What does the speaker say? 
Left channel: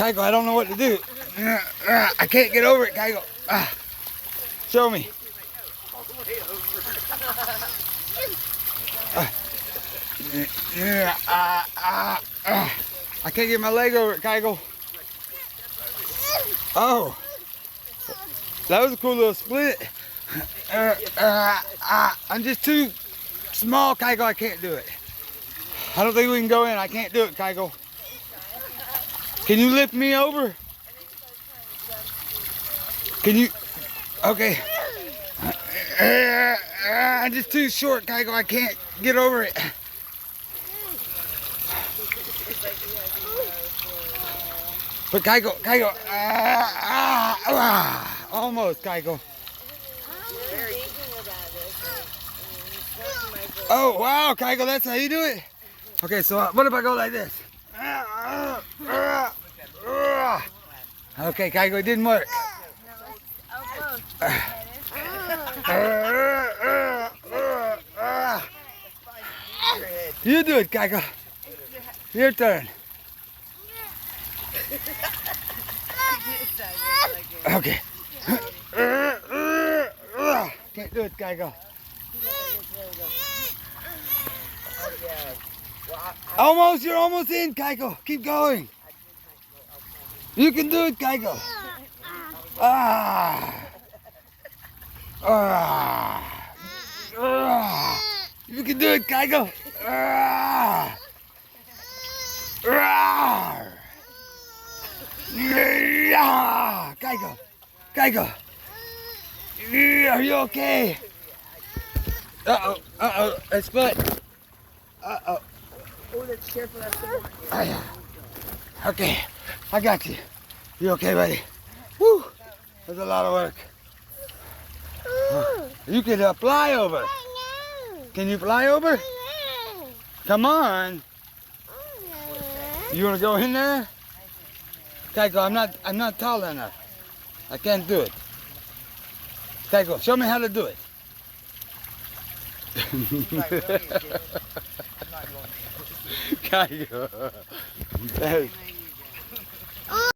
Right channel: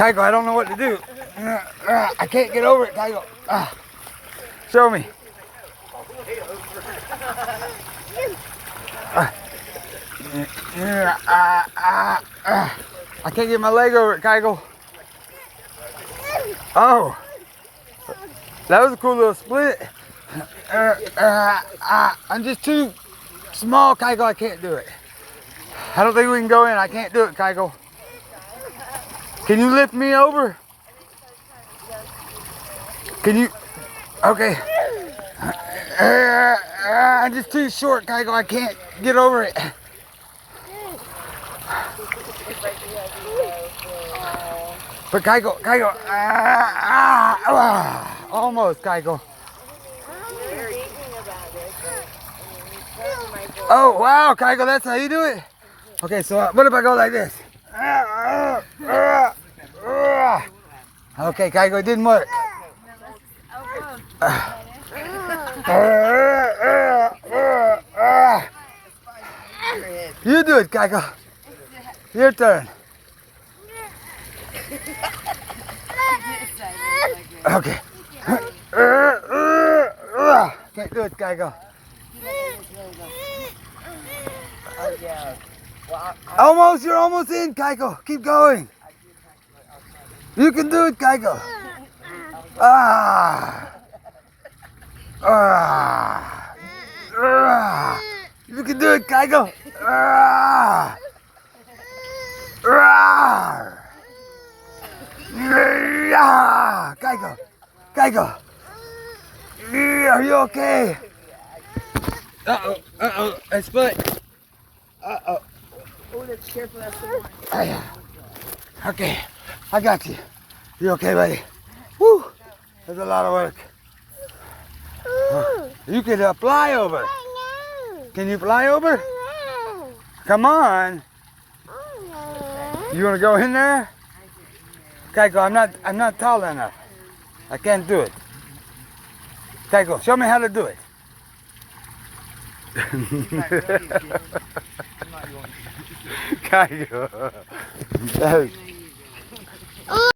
Kaiko, I don't know what to do. I can't get over it, Kaiko. Show me. I can't get my leg over it, Kaiko. Oh, that was a cool little split. I'm just too small, Kaiko. I can't do it. I don't think we can go in. I can't do it, Kaiko. Can you lift me over? Can you? Okay. I'm just too short, Kaiko. I can't get over it. But Kaiko, almost, Kaiko. Oh, wow, Kaiko, that's how you do it? Okay, so what if I go like this? Okay, Kaiko, it didn't work. You do it, Kaiko. Your turn. Okay. Can't do it, Kaiko. Almost, you're almost in, Kaiko. Keep going. You can do it, Kaiko. You can do it, Kaiko. Kaiko. Are you okay? Uh-oh, I split. Uh-oh. Okay, I got you. You okay, buddy? Woo, that's a lot of work. You can fly over. Can you fly over? Come on. You want to go in there? Kaiko, I'm not tall enough. I can't do it. Kaiko, show me how to do it. Kaiko.